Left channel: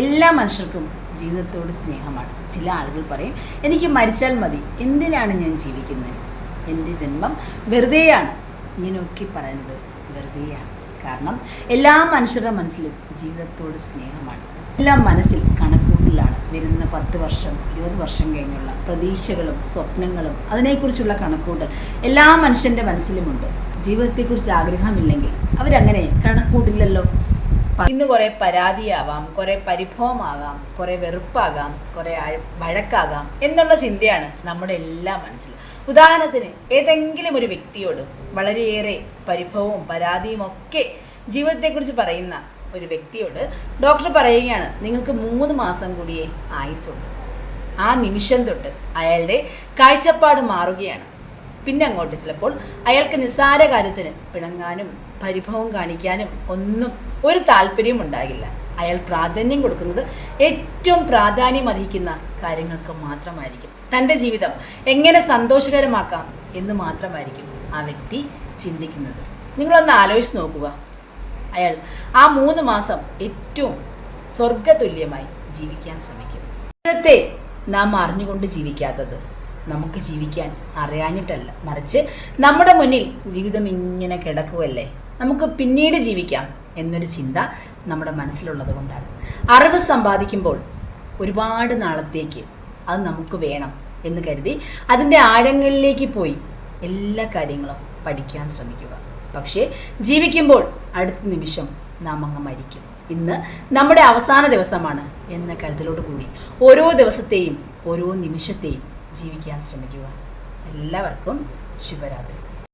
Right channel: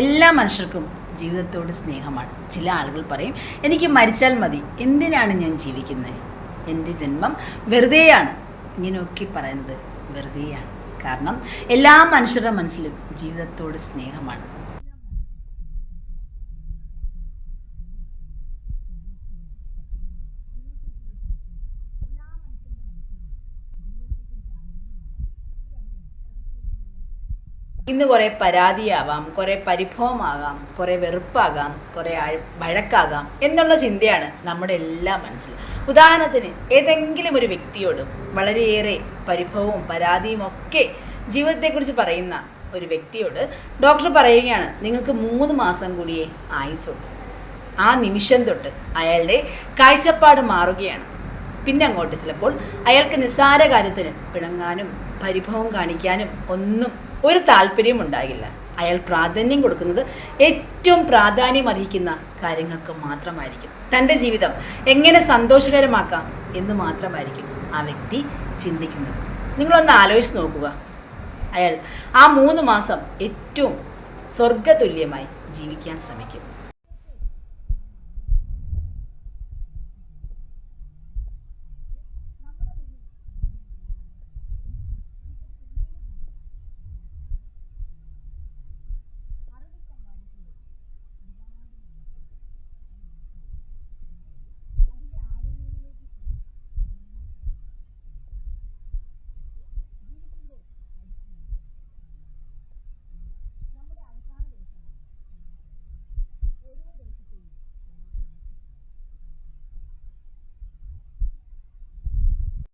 എല്ലാ മനുഷ്യർക്കും ജീവിതത്തോട് സ്നേഹമാണ്. ചില ആളുകൾ പറയും, എനിക്ക് മരിച്ചാൽ മതി, എന്തിനാണ് ഞാൻ ജീവിക്കുന്നത്, എൻ്റെ ജന്മം വെറുതെയാണ്. ഇങ്ങനെയൊക്കെ പറയുന്നത് വെറുതെയാണ്. കാരണം എല്ലാ മനുഷ്യരുടെ മനസ്സിലും ജീവിതത്തോട് സ്നേഹമാണ്. എല്ലാം മനസ്സിൽ കണക്കൂട്ടലാണ്. വരുന്ന 10 വർഷം 20 വർഷം കഴിഞ്ഞുള്ള പ്രതീക്ഷകളും സ്വപ്നങ്ങളും അതിനെക്കുറിച്ചുള്ള കണക്കൂട്ടൽ എല്ലാ മനുഷ്യൻ്റെ മനസ്സിലുമുണ്ട്. ജീവിതത്തെക്കുറിച്ച് ആഗ്രഹമില്ലെങ്കിൽ അവരങ്ങനെ കണക്കൂട്ടില്ലല്ലോ. ഇന്ന് കുറേ പരാതിയാവാം, കുറേ പരിഭവമാകാം, കുറേ വെറുപ്പാകാം, കുറേ വഴക്കാകാം എന്നുള്ള ചിന്തയാണ് നമ്മുടെ എല്ലാ മനസ്സിലും. ഉദാഹരണത്തിന് ഏതെങ്കിലും ഒരു വ്യക്തിയോട് വളരെയേറെ പരിഭവവും പരാതിയും ഒക്കെ ജീവിതത്തെക്കുറിച്ച് പറയുന്ന ഒരു വ്യക്തിയോട് ഡോക്ടർ പറയുകയാണ്, നിങ്ങൾക്ക് 3 മാസം കൂടിയേ ആയുസുള്ളൂ. ആ നിമിഷം തൊട്ട് അയാളുടെ കാഴ്ചപ്പാട് മാറുകയാണ്. പിന്നെ അങ്ങോട്ട് ചിലപ്പോൾ അയാൾക്ക് നിസ്സാര കാര്യത്തിന് പിണങ്ങാനും പരിഭവം കാണിക്കാനും ഒന്നും ഒരു താല്പര്യവും ഉണ്ടാകില്ല. അയാൾ പ്രാധാന്യം കൊടുക്കുന്നത് ഏറ്റവും പ്രാധാന്യം അർഹിക്കുന്ന കാര്യങ്ങൾക്ക് മാത്രമായിരിക്കും. തൻ്റെ ജീവിതം എങ്ങനെ സന്തോഷകരമാക്കാം എന്ന് മാത്രമായിരിക്കും ആ വ്യക്തി ചിന്തിക്കുന്നത്. നിങ്ങളൊന്ന് ആലോചിച്ച് നോക്കുക. അയാൾ ആ 3 മാസം ഏറ്റവും സ്വർഗതുല്യമായി ജീവിക്കാൻ ശ്രമിക്കും. ജീവിതത്തെ നാം അറിഞ്ഞുകൊണ്ട് ജീവിക്കാത്തത് നമുക്ക് ജീവിക്കാൻ അറിയാഞ്ഞിട്ടല്ല, മറിച്ച് നമ്മുടെ മുന്നിൽ ജീവിതം ഇങ്ങനെ കിടക്കുകയല്ലേ, നമുക്ക് പിന്നീട് ജീവിക്കാം എന്നൊരു ചിന്ത നമ്മുടെ മനസ്സിലുള്ളത് കൊണ്ടാണ്. അറിവ് സമ്പാദിക്കുമ്പോൾ ഒരുപാട് നാളത്തേക്ക് അത് നമുക്ക് വേണം എന്ന് കരുതി അതിൻ്റെ ആഴങ്ങളിലേക്ക് പോയി എല്ലാ കാര്യങ്ങളും പഠിക്കാൻ ശ്രമിക്കുക. പക്ഷേ ജീവിക്കുമ്പോൾ അടുത്ത നിമിഷം നാം അങ്ങ് മരിക്കും. ഇന്ന് നമ്മുടെ അവസാന ദിവസമാണ് എന്ന കരുതലോട് കൂടി ഓരോ ദിവസത്തെയും ഓരോ നിമിഷത്തെയും ജീവിക്കാൻ ശ്രമിക്കുക. എല്ലാവർക്കും ശുഭരാത്രി.